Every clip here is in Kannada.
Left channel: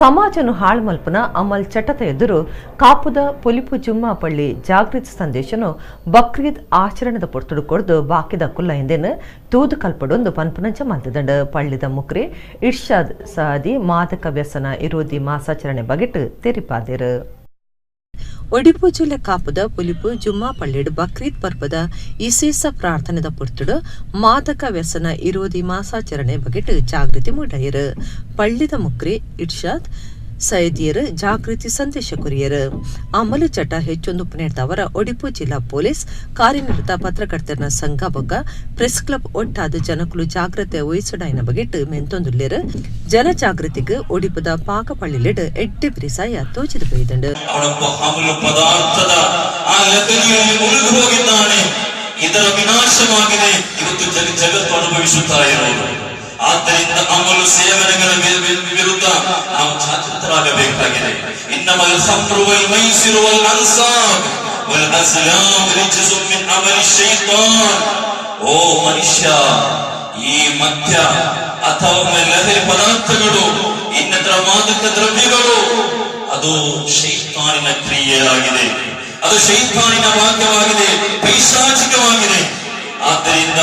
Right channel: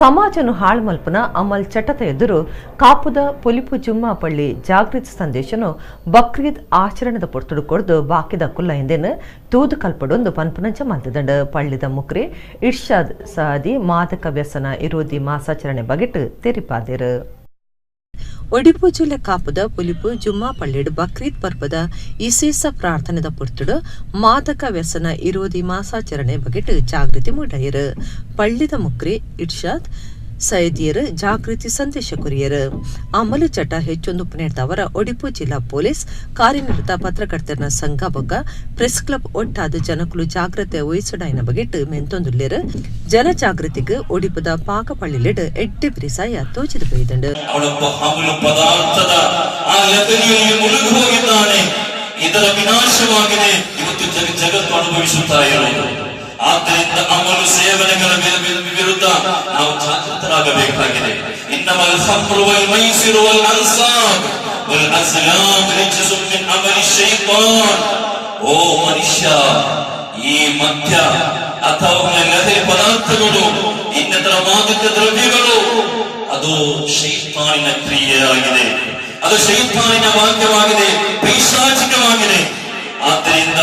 ಸಮಾಜನು ಹಾಳು ಮಲ್ಪನ ಅಮಲ್ ಚಟತ ಎದುರು ಕಾಪುದ ಪೊಲಿಪು ಜುಮ್ಮಾ ಪಳ್ಳಿ ಜಾಗೃತಿ ಸಂದೇಶನು ಬಕ್ರೀದ್ ಆಚರಣೆದ ಪೊರ್ತುಡು ಕೊಡ್ದು ಬಾಕಿದ ಕುಲ್ಲ ಹಿಂದೆನು ತೂದು ಕಲ್ಪಡೊಂದು ಪನ್ಪುನಂಚ ಮಲ್ತಿದಂಡು ಪಳ್ಳಿದ ಮುಕ್ರಿ ಇರ್ಷಾದ್ ಸಾದಿ ಮಾದಕ ವ್ಯಸನ ವಿರೋಧಿ ಮಾಸಾಚರಣೆ ಬಗೆಟ್ ತೆರಿಪಾದಿರು. ಒಡಿಪು ಜಿಲ್ಲೆ ಕಾಪುದ ಪುಲಿಪು ಜುಮ್ಮಾ ಪಳ್ಳಿಡು ಬಕ್ರೀದ್ ಪರ್ಪದ ವಿಶೇಷ ಪ್ರಾರ್ಥನೆದ ಪುರ್ತುಡು ಮಾದಕ ವ್ಯಸನ ವಿರೋಧಿ ಮಾಸಾಚರಣೆ ಬಗೆಟ್ ಜಾಗೃತಿ ಮೂಡಾಯಿರು. ಪಳ್ಳಿದ ಮುಕ್ರಿ ಇರ್ಷಾದ್ ಸೈದಿಯರು ಜಾಗೃತಿ ಸಂದೇಶ ಕೊರಿಯರು. ಅಮಲು ಚಟ ಹೆಚ್ಚೊಂದು ಪುನೇಡ್ದವರ ಒಡಿಪು ಜಿಲ್ಲಾ ಪೊಲೀಸ್ ಕಾರ್ಯನಿರತ ಪತ್ರಕರ್ತರ ಸಂಘ ಬೊಕ್ಕ ಪ್ರೆಸ್ ಕ್ಲಬ್ ಒಟ್ಟಾದ ಜನಕುಲು ಜಾಗ್ರತೆ ವಹಿಸಡಾಯಿನ ಬಗೆಟ್ ಮೆಂತೊಂದುಲ್ಲೇರು. ಜನ ಜಾಗೃತಿಗೆ ಒಡಿಪುದ ಪಾಕಪಳ್ಳಿಲೆಡ್ ಎಡ್ಡೆ ಪ್ರಿಸಾಯ ತೋಚಿದು ಬೈದಂಡು. ಇದರ ವಿನಾಶವಾಗಿದೆ ಇವತ್ತು ಜಗತ್ತು ಅನುಭವಿಸುತ್ತಾ ಇರೋದು. ಆದ್ದರಿಂದ ಅಮಲು ಸೇವನೆಗಳ ವಿರುದ್ಧ ನಾವು ಜಾಗೃತರಾಗಬೇಕಾಗಿದೆ. ಇನ್ನಮಲ್ ಖಮ್ರು ವಲ್ ಮೈಸಿರು ವಲ್ ಅನ್ಸಾಬ್ ವಲ್ ಅಸ್ಲಾಮ್ ರಿಜ್ಸುಮ್ ಮಿನ್ ಅಮಲಿ ಶೈತಾನ್. ಓ ಮನುಷ್ಯ, ಈ ಮದ್ಯ ಅಥವಾ ಲಹರಿ ಪದಾರ್ಥಗಳು ಇನ್ನಿತರ ಮಾದಕ ದ್ರವ್ಯಗಳು ಅದು ಶೈತಾನಿನ ಕ್ರಿಯೆಯಾಗಿದೆ, ಅದು ಶೈತಾನಿನ ವಾಕ್ಯವಾಗಿದೆ, ಪೈಶಾಚಿಕವಾಗಿದೆ. ಆದ್ದರಿಂದ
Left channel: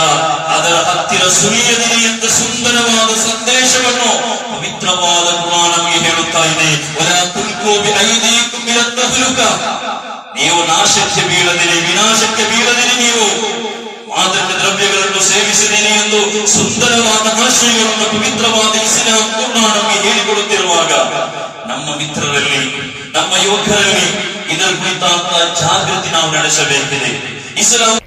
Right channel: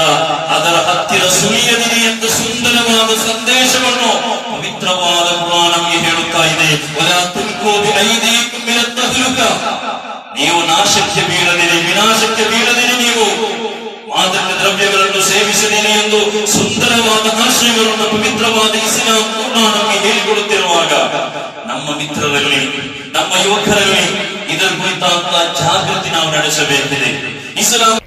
ಅದರ ಹತ್ತಿರ ಸುಳಿಯದಿದೆ ಎಂದು ಸುಂದರವಾದ ಸಂದೇಶವನ್ನು ಪವಿತ್ರವಾದ ಕುರಾನ್ ನಮಗೆ ಹೇಳುತ್ತಾ ಇದೆ. ನೀವು ನಾಶಕ್ಕೆ ಬೀಳದಿರಿ, ವಿನಾಶಕ್ಕೆ ಬೀಳದಿರಿ, ನೀವು ಮಾದಕ ದ್ರವ್ಯಗಳನ್ನು ಸೇವಿಸಿದಿರಿ ಎಂದು ಸುಂದರವಾದ ಆಶಯಗಳನ್ನು ಪವಿತ್ರವಾದ ಇಸ್ಲಾಂ ಕುರಾನ್ ನಮಗೆ ಹೇಳಿಕೊಡುತ್ತಿರುವಾಗ ನಮ್ಮ ಮಿತ್ರರಲ್ಲಿ, ನಮ್ಮ ಯುವಕರಲ್ಲಿ ಇದರ ಕುರಿತಾದ ಜಾಗೃತಿ ನಾವು ನಡೆಸಬೇಕಿದೆ. ಇಸ್ಲಾಂ